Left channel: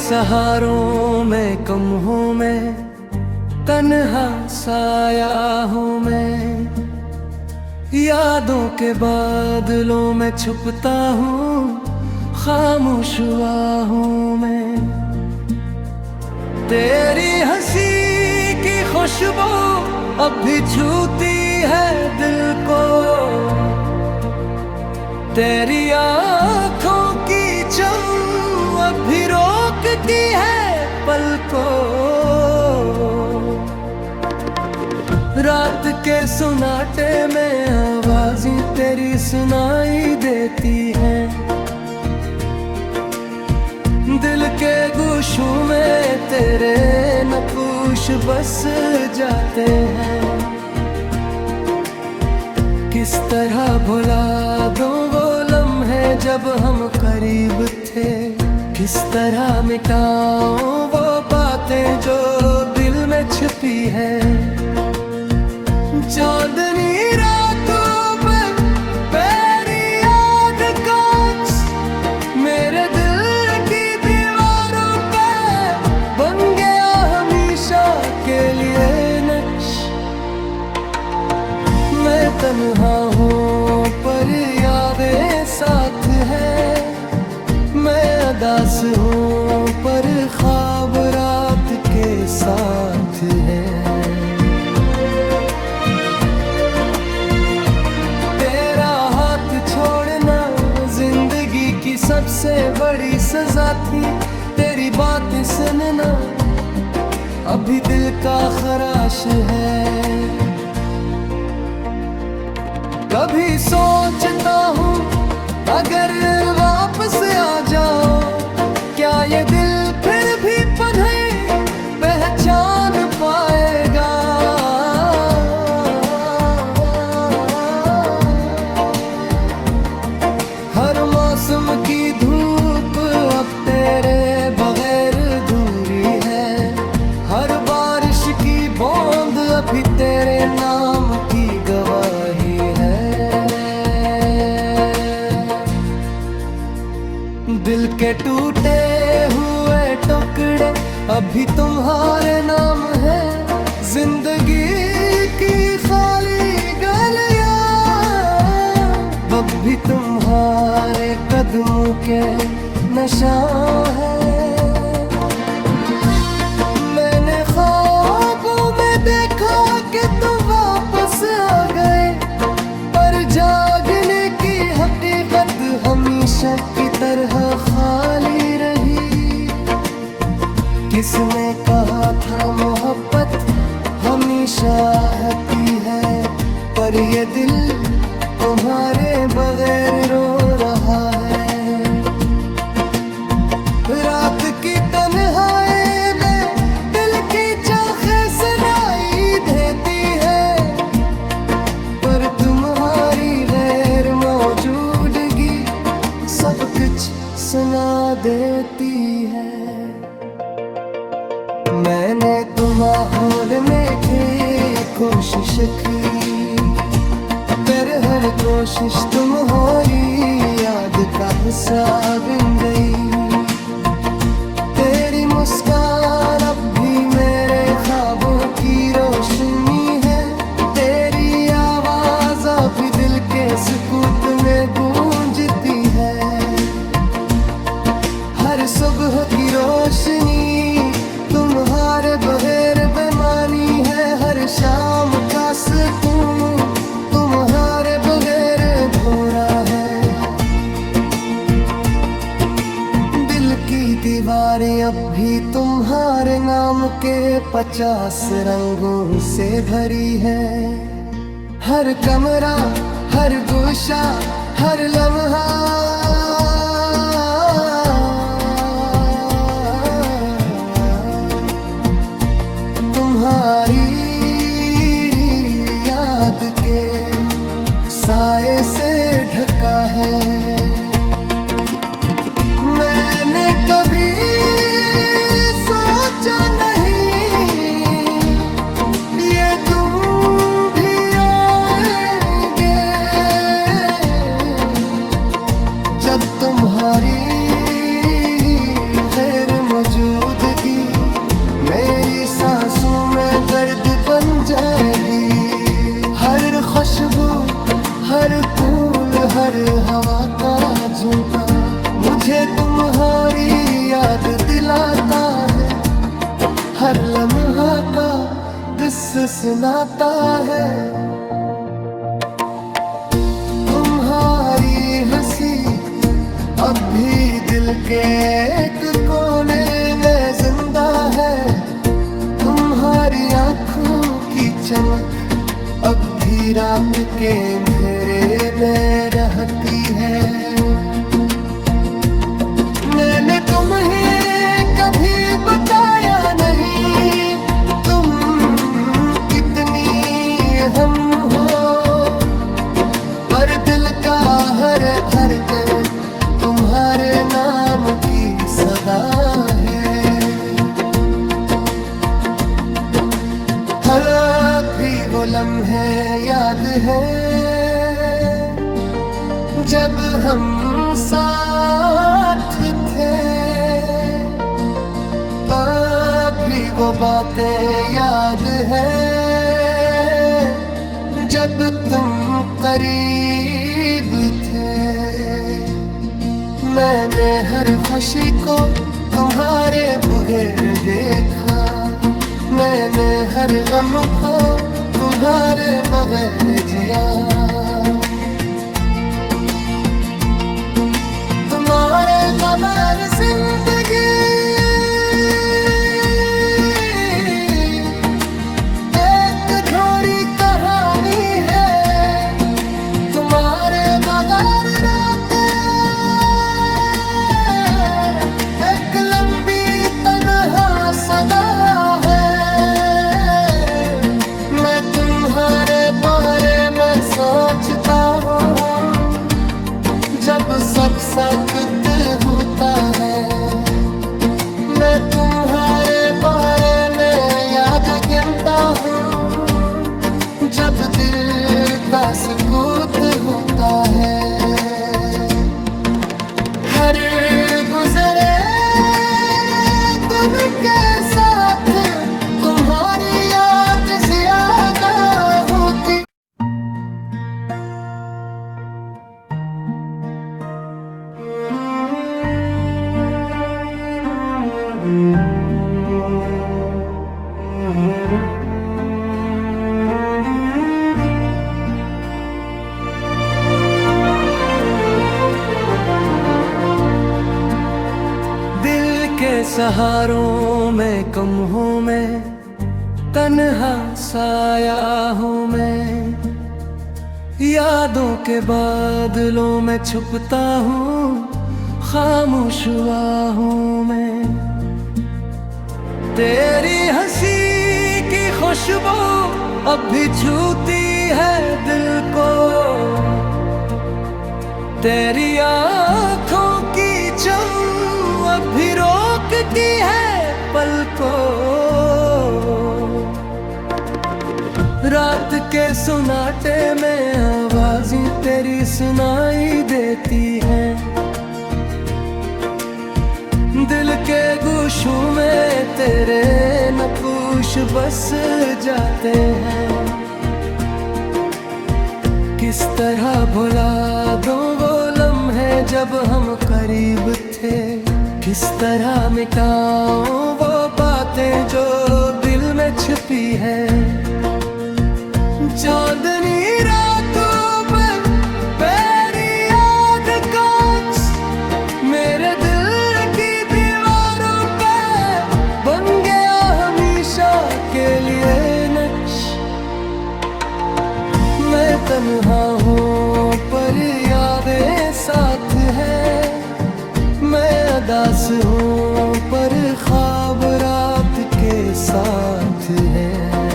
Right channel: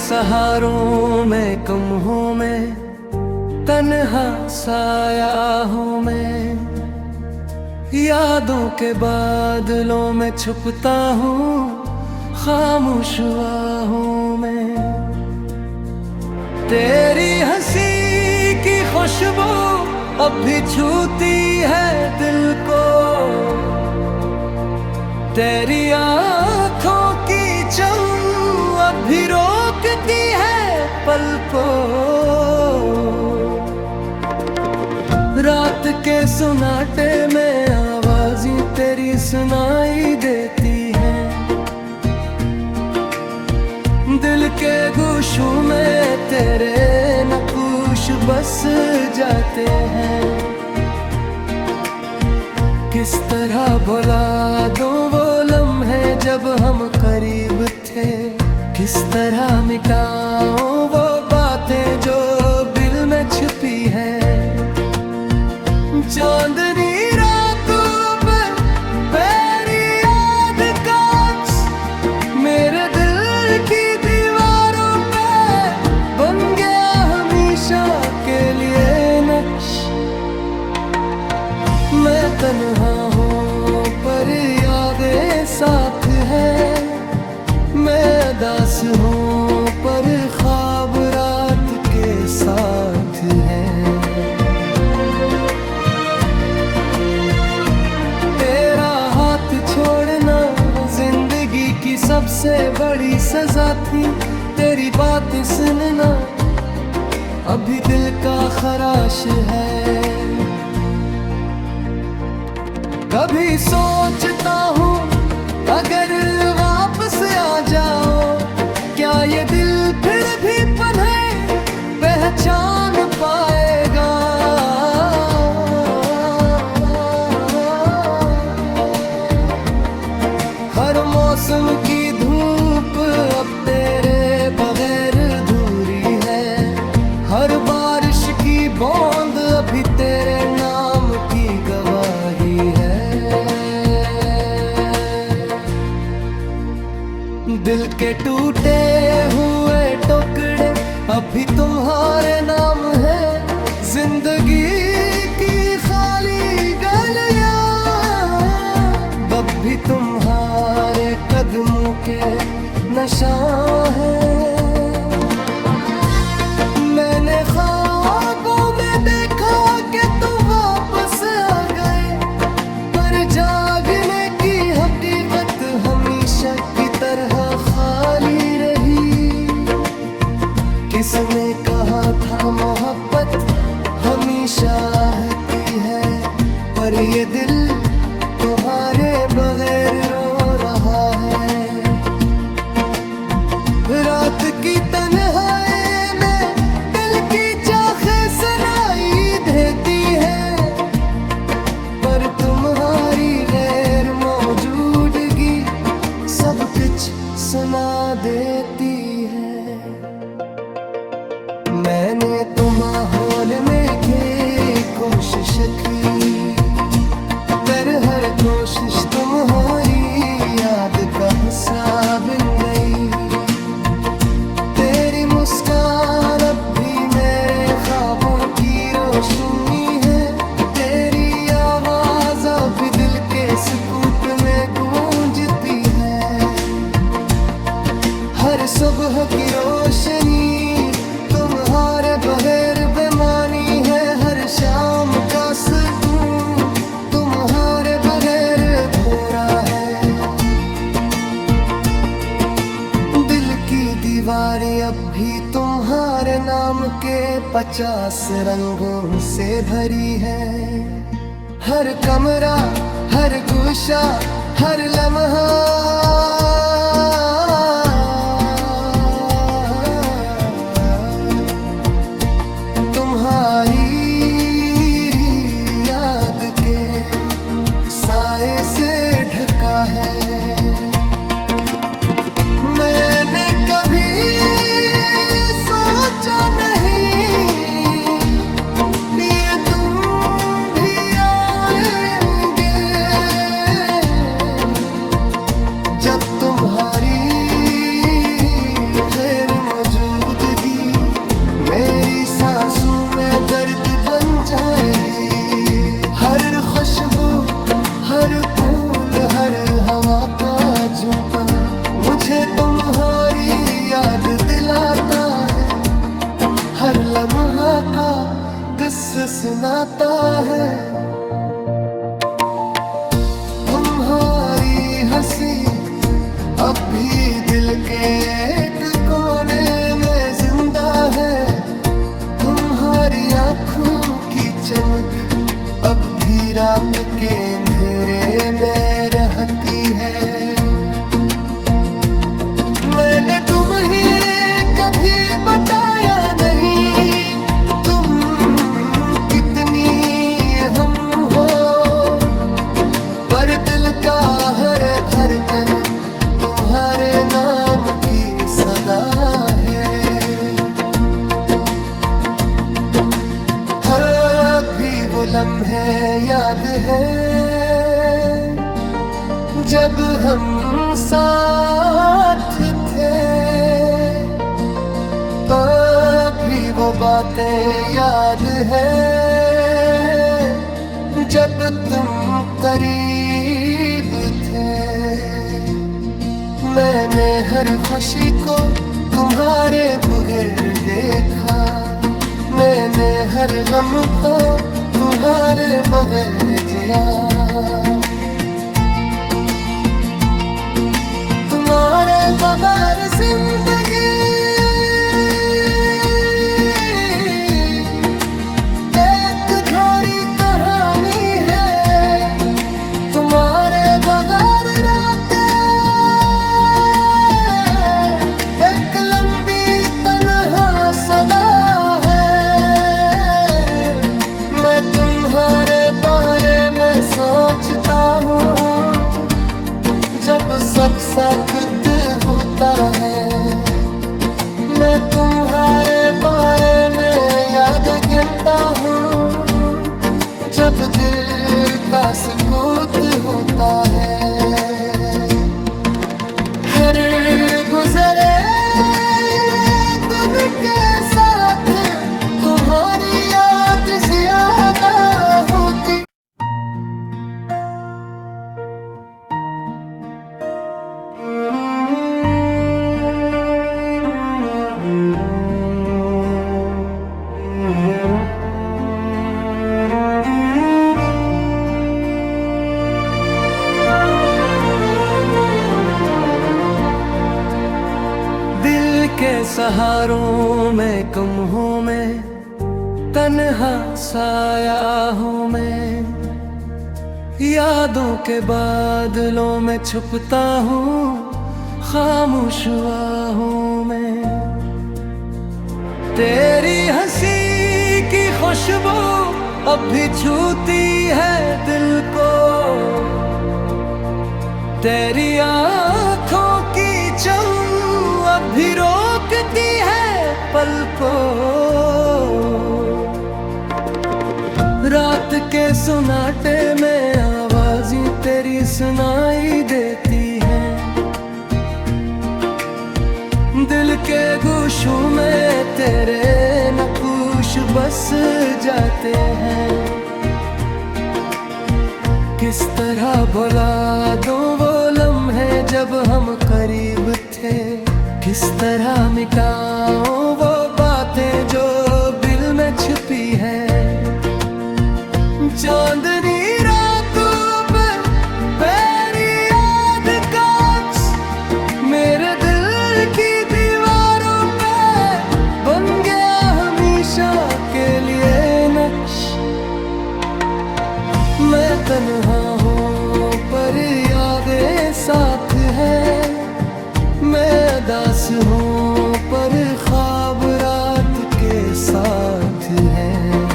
सहारों में कम हूँ मैं, तन्हा साया हूँ मैं। यादों के बादलों में छुपता हूँ, खामोश हुआ हूँ मैं। तेरी हंसी की खुशबू अब भी छूती है दिल को, तेरी आँखों की चमक अब भी रोकती है पल को। रात के सुनाटे में आवाज़ें तेरी सुनाई देती हैं, दिल के गोशों में तेरे नक्श बस जाते हैं। किस तरह भुला दूं वो लम्हे जब हम करीब थे, किस तरह मिटाऊं वो बातें जो दिल में छिपी है। चांदनी रातों पे तेरी याद का अक्स मेरे दिल की दीवारों पे बन गया हमेशा के लिए नक्श। मैं तन्हा हूँ पर यादें साथ है, मैं उदास हूँ पर ख्वाब रात के साथ हैं। तेरा हाथ छोड़ना जिंदगी की सबसे बड़ी सजा थी, तेरी बात सुनना अभी दिल का खराश है। कभी सोचता हूँ अगर वापस आ जाओ, क्या ये दिल फिर भी पन्हे पहचान पाएगा। हर मौसम की धूप अब तेरे बगैर अधूरी है, हर बारिश की बूंद अभी तेरे नाम की गवाही है। दिल के टूटे हुए टुकड़े अभी तुम्हारे नाम है, जिंदगी की खाली गलियां अब भी तुम्हारे कदमों के निशान है। मैंने ख्वाबों में देखा कि तुम वापस आ गए, पर जागने की हकीकत हमेशा की तरह खाली रही। किसने कहा था मोहब्बत हमेशा रहती है, पर ये दिल तुम्हारे बगैर रो रहा है। रात की तन्हाई में दिल की चाखें सुनाई देती है, पर तुम्हारी गैर मौजूदगी सब कुछ सुना देती है। मैंने तुम माहौल में की कोशिश की, पर हर कोशिश तुम्हारी याद का हिस्सा बन गई। तेरी मुस्कान अब भी मेरे ख्वाबों की रोशनी है, तेरी आवाज अब दिल के सुकूत में गूंजती है। हर सुबह की रोशनी तुम्हारे बगैर बेमानी है, हर शाम का सुकून तुम्हारे बगैर अधूरा है। दिल की दीवारें अब भी तुम्हारे नाम के 50 रंगों से भरी है। हर कमरा, हर गोशा, हर लम्हा तुम्हारी याद के साए से ढका है। मैंने कभी सोचा नहीं ये तुम भी आएंगे, जब तुम्हारी गैर मौजूदगी खुशबू, हर फूल, हर हवा का झोंका मुझे तुम्हारी याद दिलाता है। हर लम्हा का किस्सा सुनाता है। तुम्हारी हंसी अब भी दिल के एक कोने में जिंदा है। तुम्हारी आंखों की चमक अब भी रात के अंधेरे में रहती है। मैंने तुम्हें कभी बताया नहीं तुम कितनी हम हो, पर दिल का हर धड़कन तुम्हारे नाम की सदा है। हर भी वो लम्हे याद है जब हम साथ थे। अभी वो बातें याद है जब तुम करीब थे। मैंने हर खुशी को तुम्हारे बगैर देखा, मैंने हर गम को तुम्हारे बगैर जिया। तुम्हारे बगैर जिंदगी एक अधूरी कहानी है। तुम्हारे बगैर रातें एक लंबी तन्हा सदा है। मैं तुम्हारे बारे में सोचता हूँ जब सब साकित होता है। मैं तुम्हारे बारे में याद गिनता हूँ जब दिल का सुकूत होता है। हर गुजरे दिन के साथ तुम्हारी याद ज्यादा होती। दिल के सहारों में कम हूँ मैं, तन्हा साया हूँ मैं। यादों के बादलों में छुपता हूँ, खामोश हुआ हूँ मैं। तेरी हंसी की खुशबू अब भी छूती है दिल को। तेरी आँखों की चमक अब भी रोकती है पल को। रात के सुनाटे में आवाज़ें तेरी सुनाई देती हैं। दिल के गोशों में तेरे नक्श बस जाते हैं। किस तरह भुला दूं वो लम्हे जब हम करीब थे। किस तरह मिटाऊं वो बातें जो दिल में छिपी है। चांदनी रातों पे तेरी याद का अक्स मेरे दिल की दीवारों पे बन गया हमेशा के लिए नक्श। मैं तन्हा हूँ पर यादें साथ है। मैं उदास हूँ पर ख्वाब रात के साथ हैं।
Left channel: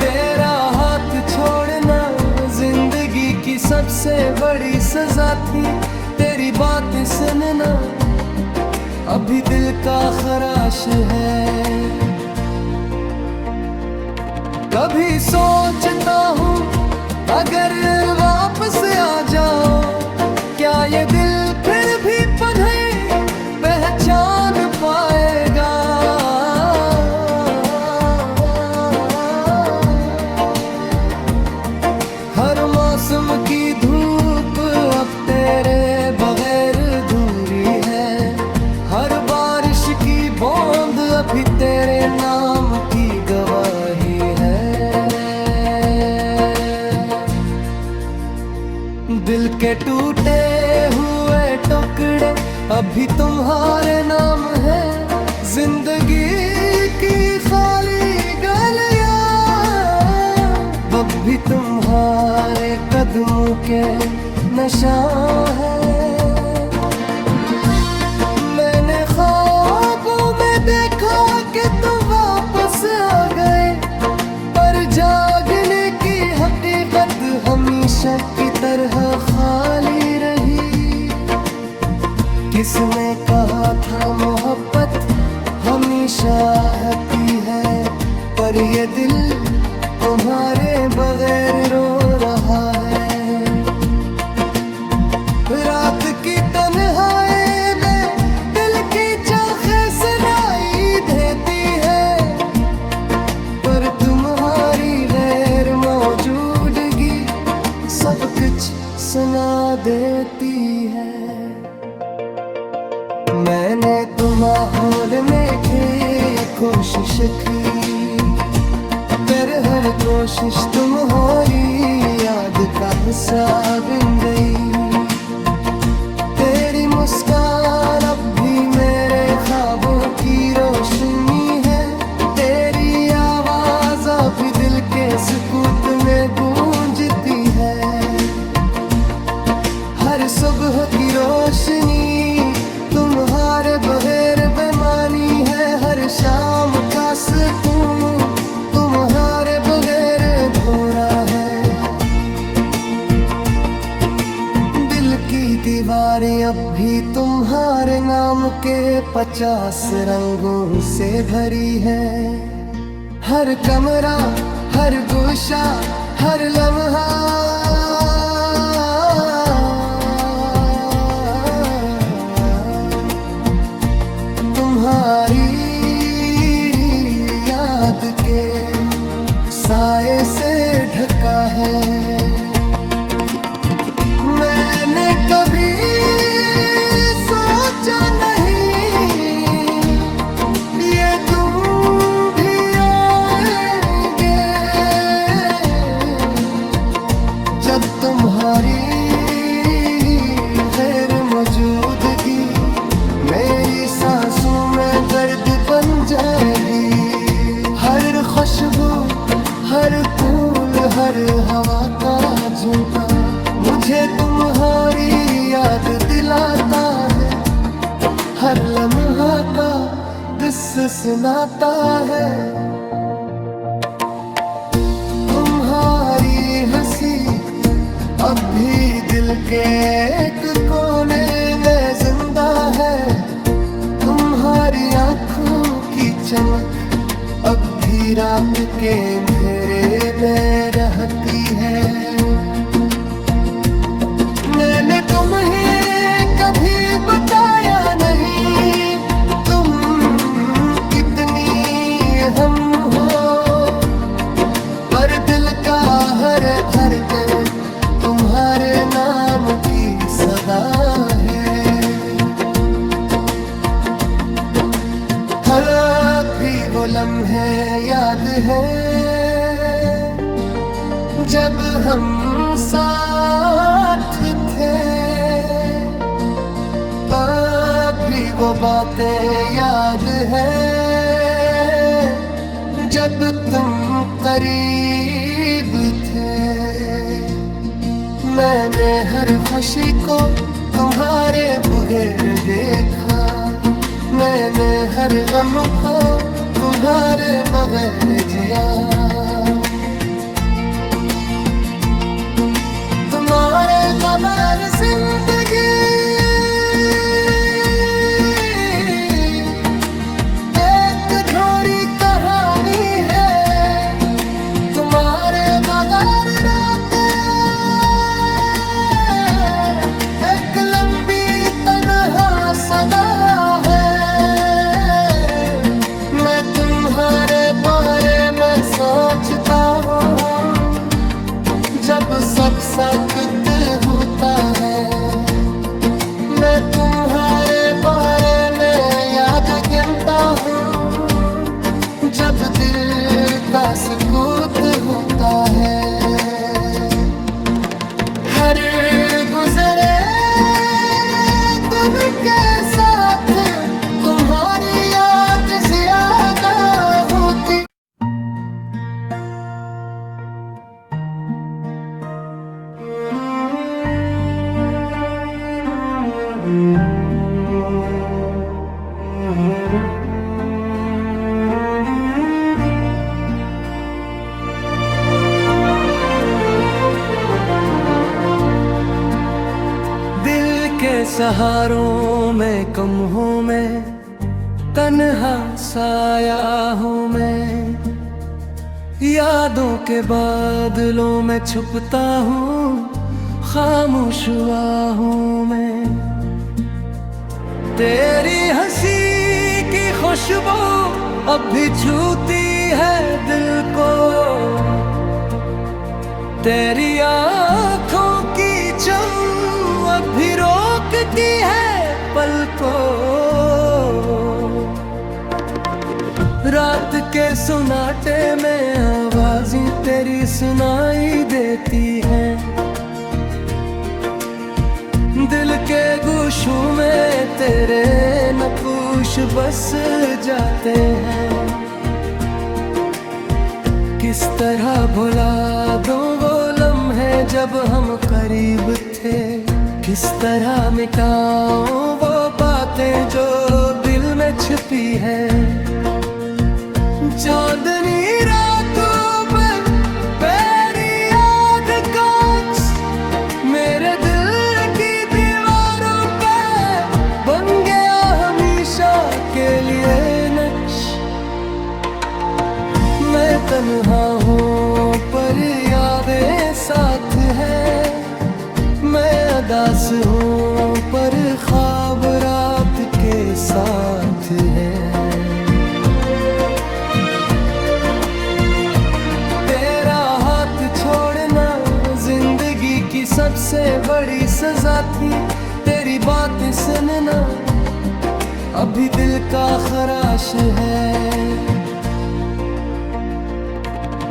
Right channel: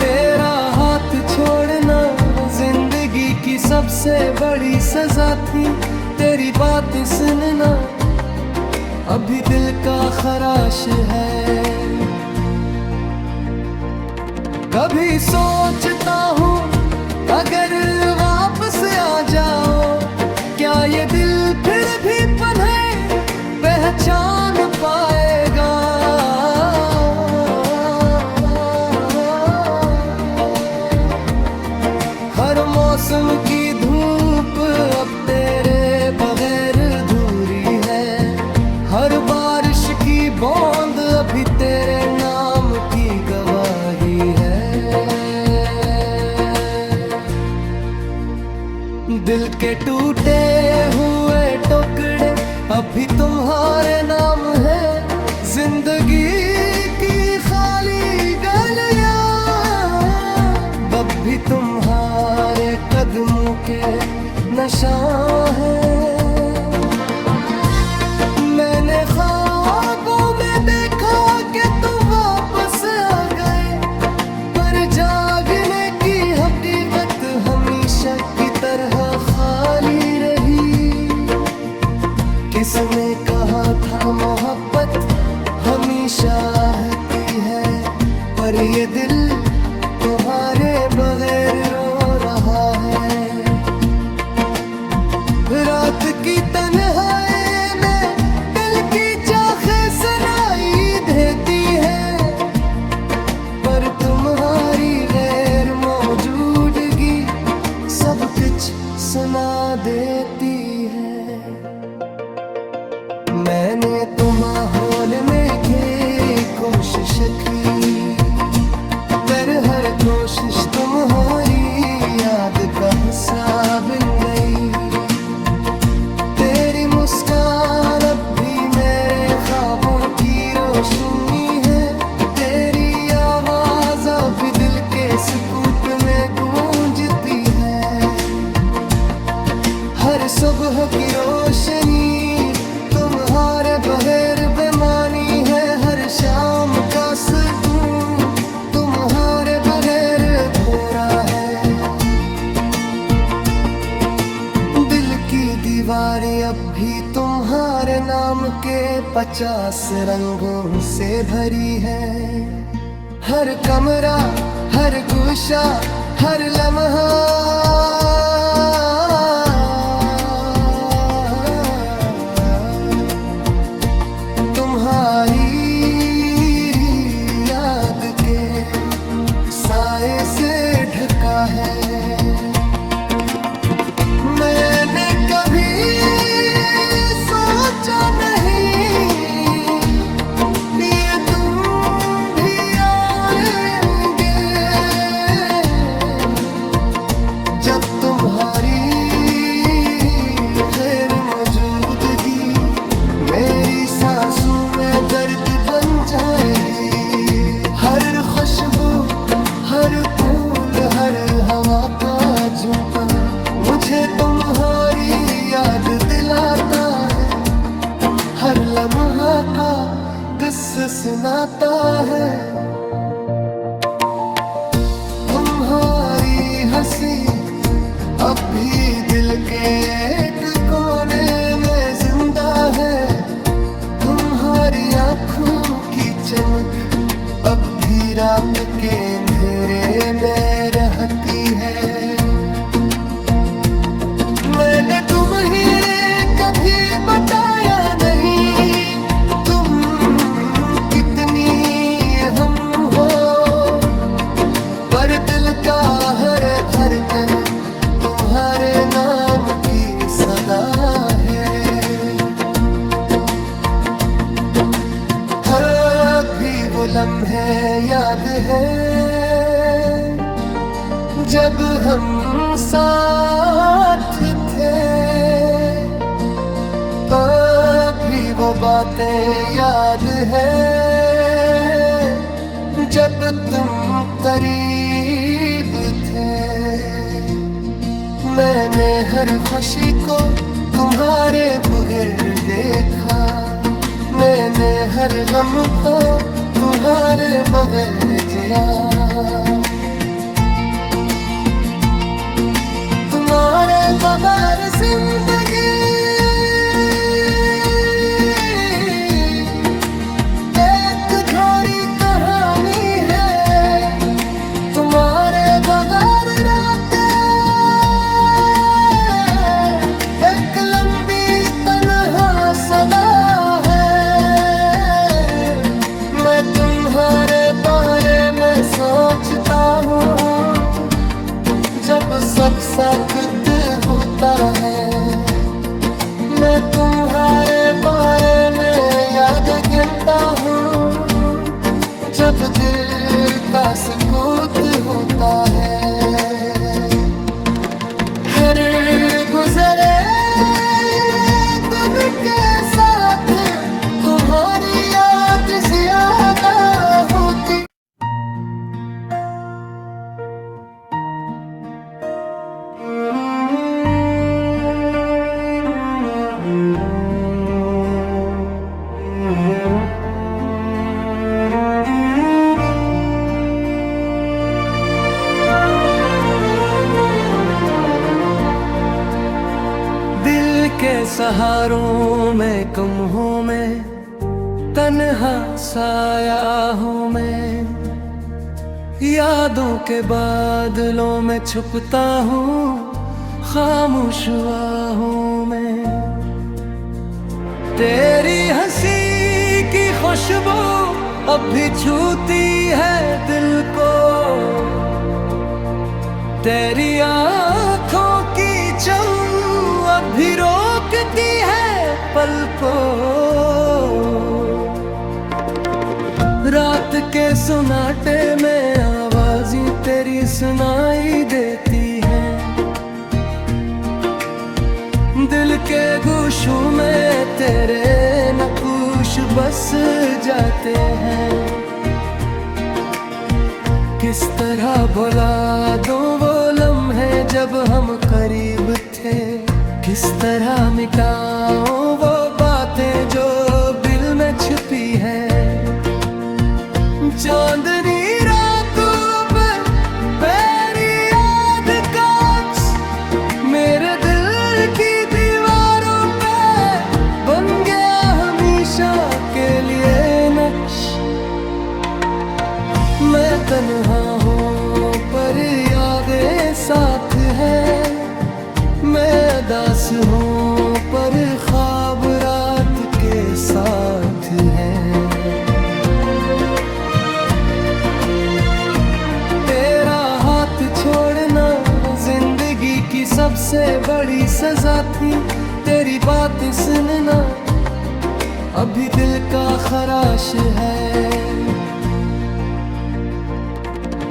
तेरा हाथ छोड़ना जिंदगी की सबसे बड़ी सजा थी। तेरी बात सुनना अभी दिल का खराश है। कभी सोचता हूँ अगर वापस आ जाओ, क्या ये दिल फिर भी पन्हे पहचान पाएगा। मौसम की धूप अब तेरे बगैर अधूरी है, हर बारिश की बूंद अभी तेरे नाम की गवाही है। दिल के टूटे हुए टुकड़े अभी तुम्हारे नाम है, जिंदगी की खाली गलियां अब भी तुम्हारे कदमों के नशा है। मैंने ख्वाबों में देखा कि तुम वापस आ गए, पर जागने की हकीकत हमेशा की तरह खाली रही। किसने कहा था मोहब्बत हमेशा रहती है, पर ये दिल तुम्हारे बगैर रो रहा है। रात की तन्हाई में दिल की चाखें सुनाई देती है, पर तुम्हारी गैर मौजूदगी सब कुछ सुना देती है। मैंने तो माहौल में की कोशिश की, पर हर कोशिश तुम्हारी याद का हिस्सा बन गई। तेरी मुस्कान अब भी मेरे ख्वाबों की रोशनी है, तेरी आवाज अब दिल के सुकूत में गूंजती है। हर सुबह की रोशनी तुम्हारे बगैर बेमानी है, हर शाम का सुकून तुम्हारे बगैर अधूरा है। दिल की दीवारें अब भी तुम्हारे नाम के 50 रंगों से भरी है। हर कमरा, हर गोशा, हर लम्हा तुम्हारी याद के साए से ढका है। मैंने कभी सोचा नहीं ये तुम भी आएंगे, जब तुम्हारी गैर मौजूदगी मेरी सांसों में दर्द बन जाएगी। हर खुशबू, हर फूल, हर हवा का झोंका मुझे तुम्हारी याद दिलाता है। हर लम्हा का किस्सा सुनाता है। तुम्हारी हंसी अब भी दिल के एक कोने में जिंदा है। तुम्हारी आंखों की चमक अब भी रात के अंधेरे में रहती है। मैंने तुम्हें कभी बताया नहीं तुम कितनी हम हो, पर दिल का हर धड़कन तुम्हारे नाम की सदा है। हर भी वो लम्हे याद है जब हम साथ थे, अभी वो बातें याद है जब तुम करीब थे। मैंने हर खुशी को तुम्हारे बगैर देखा, मैंने हर गम को तुम्हारे बगैर जिया। तुम्हारे बगैर जिंदगी एक अधूरी कहानी है। तुम्हारे बगैर रातें एक लंबी तन्हा सदा है। मैं तुम्हारे बारे में सोचता हूँ जब सब साकत होता है। मैं तुम्हारे बारे में याद गिनता हूँ, जब दिल का सुकूत होता है। हर गुजरे दिन के साथ तुम्हारी याद ज्यादा होती। दिल के सहारों में कम हूँ मैं, तन्हा साया हूँ मैं। यादों के बादलों में छुपता हूँ, खामोश हुआ हूँ मैं। तेरी हंसी की खुशबू अब भी छूती है दिल को, तेरी आँखों की चमक अब भी रोकती है पल को। रात के सुनाटे में आवाज़ें तेरी सुनाई देती हैं, दिल के गोशों में तेरे नक्श बस जाते हैं। किस तरह भुला दूं वो लम्हे जब हम करीब थे, किस तरह मिटाऊं वो बातें जो दिल में छुपी है। चांदनी रातों पे तेरी याद का अक्स मेरे दिल की दीवारों पे बन गया हमेशा के लिए नक्श। मैं तन्हा हूँ पर यादें साथ है, मैं उदास हूँ पर ख्वाब रात के साथ हैं। तेरा हाथ छोड़ना जिंदगी की सबसे बड़ी सजा थी, तेरी बात सुनना अभी दिल का खराश है।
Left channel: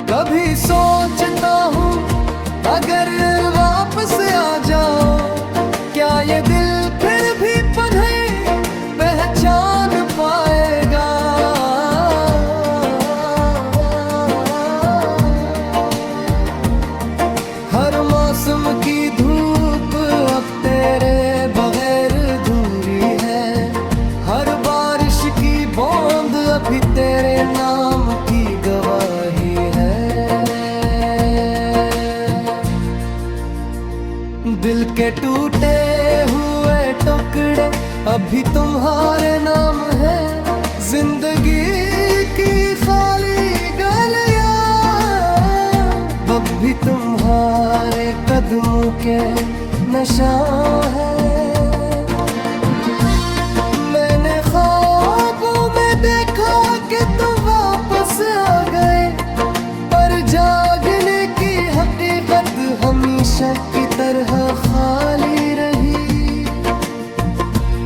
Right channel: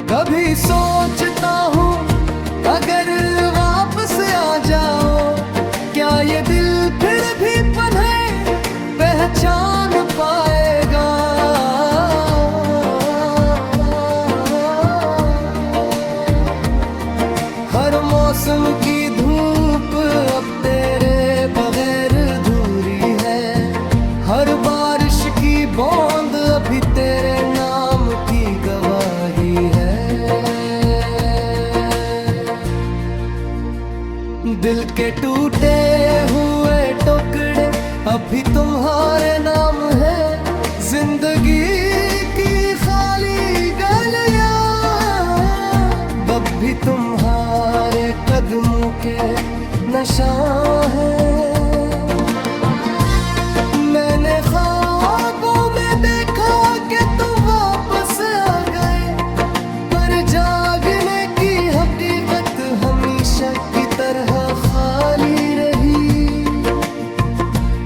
कभी सोचता हूँ अगर वापस आ जाओ, क्या ये दिल फिर भी तुम्हें पहचान पाएगा। हर मौसम की धूप अब तेरे बगैर अधूरी है, हर बारिश की बूंद अभी तेरे नाम की गवाही है। दिल के टूटे हुए टुकड़े अभी तुम्हारे नाम है, जिंदगी की खाली गलियां अब भी तुम्हारे कदमों के निशान है। मैंने ख्वाबों में देखा कि तुम वापस आ गए, पर जागने की हकीकत हमेशा की तरह खाली रही।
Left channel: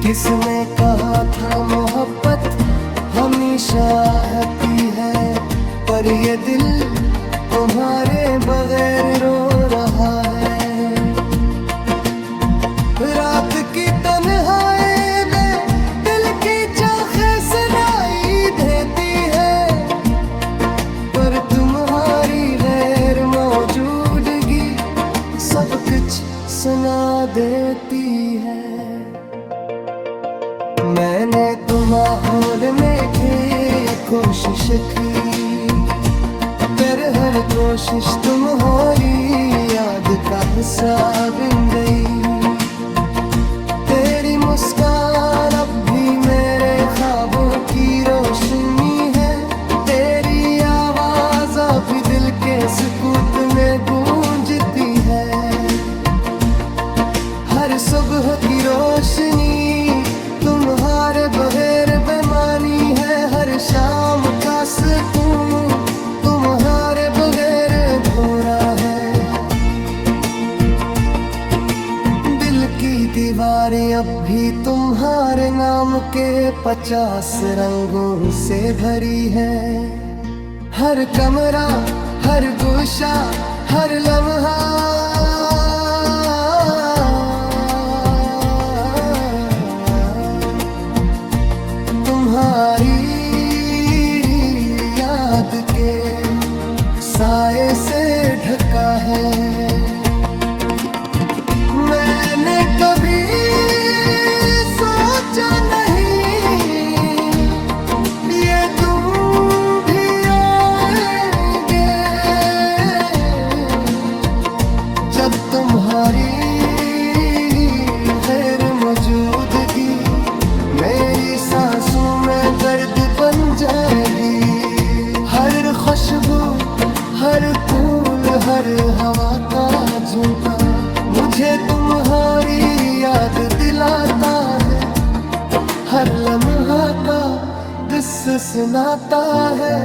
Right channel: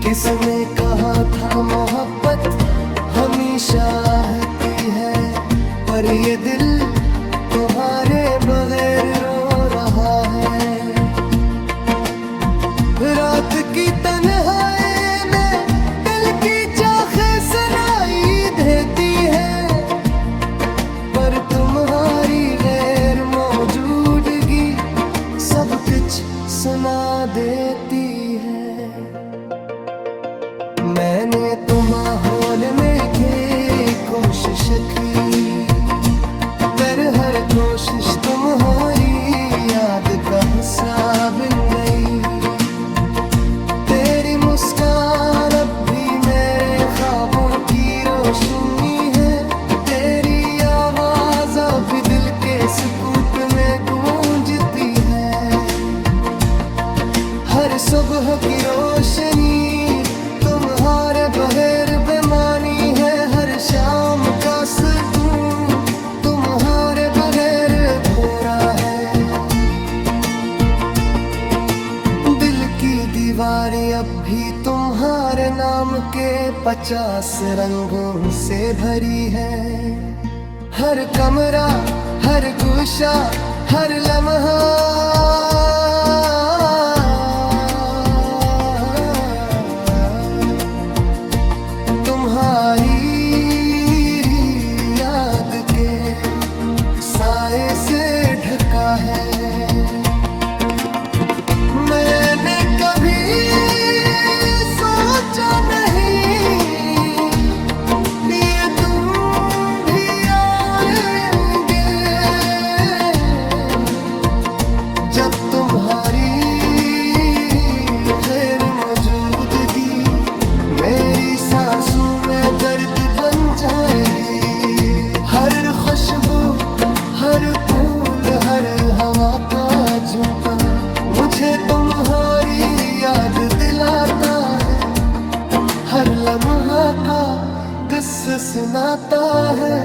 किसने कहा था मोहब्बत हमेशा आती है, पर ये दिल तुम्हारे बगैर रो रहा है। रात की तन्हाई में दिल की चाखें सुनाई देती है, पर तुम्हारी गैर मौजूदगी सब कुछ सुना देती है। मैंने तुम माहौल में की कोशिश की, पर हर कोशिश तुम्हारी याद का हिस्सा बन गई। तेरी मुस्कान अब भी मेरे ख्वाबों की रोशनी है, तेरी आवाज अभी दिल के सुकूत में गूंजती है। हर सुबह की रोशनी तुम्हारे बगैर बेमानी है, हर शाम का सुकून तुम्हारे बगैर अधूरा है। दिवारी अब भी तुम्हारे नाम के 50 रंगों से भरी है। हर कमरा, हर गोशा, हर लम्हा तुम्हारी याद के साए से ढका है। मैंने कभी सोचा नहीं ये तुम भी आएंगे। जब तुम्हारी गैर मौजूदगी मेरी सांसों में दर्द बन जाएगी। हर खुशबू, हर फूल, हर हवा का झोंका मुझे तुम्हारी याद दिलाता है। हर लम्हा का किस्सा सुनाता है।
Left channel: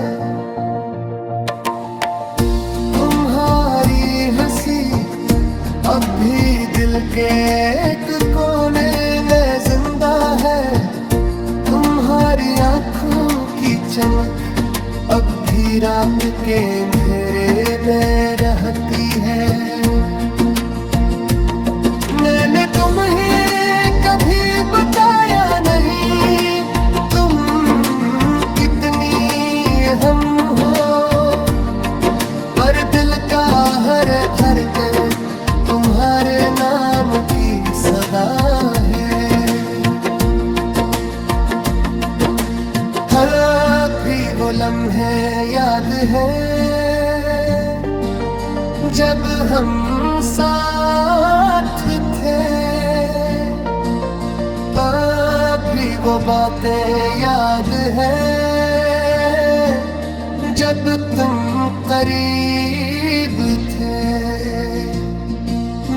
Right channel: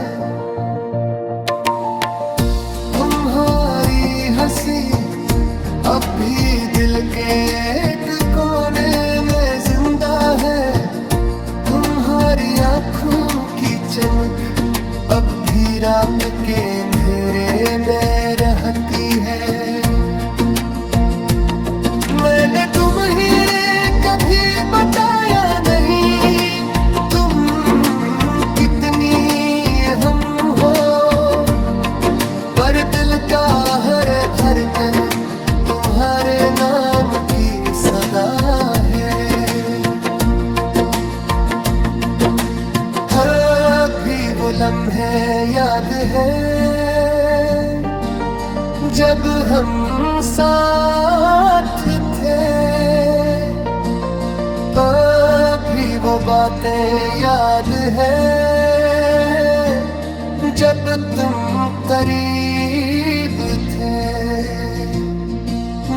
तुम्हारी हंसी अब भी दिल के एक कोने में जिंदा है। तुम्हारी आंखों की चमक अब भी रात के अंधेरे में रहती है। मैंने तुम्हें कभी बताया नहीं तुम कितनी हम हो, पर दिल का हर धड़कन तुम्हारे नाम की सदा है। हर भी वो लम्हे याद है जब हम साथ थे। अभी वो बातें याद है जब तुम करीब थे।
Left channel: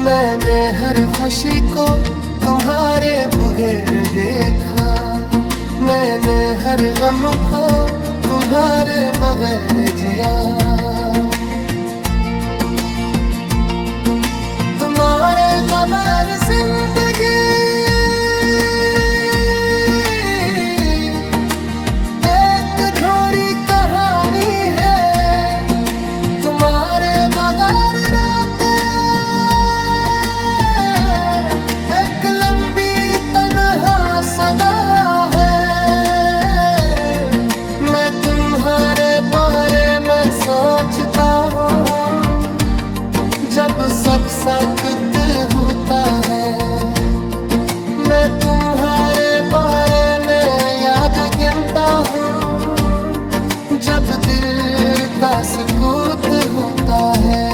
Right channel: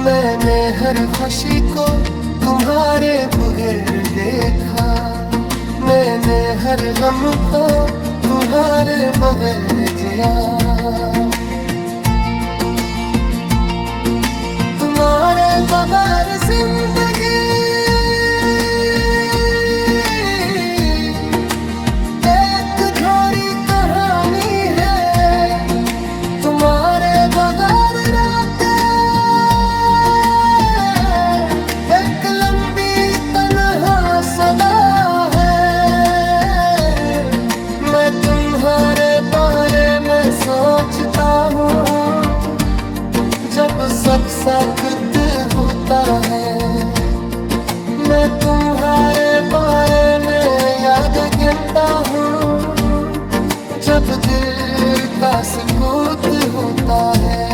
मैंने हर खुशी को तुम्हारे बगैर देखा। मैंने हर गम को तुम्हारे बगैर जिया। तुम्हारे बगैर जिंदगी एक अधूरी कहानी है। तुम्हारे बगैर रातें एक लंबी तन्हा सदा है। मैं तुम्हारे बारे में सोचता हूँ जब सब साकत होता है। मैं तुम्हारे बारे में याद गिनता हूँ जब दिल का सुकूत होता है।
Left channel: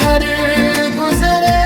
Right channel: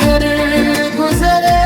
हर गुजरे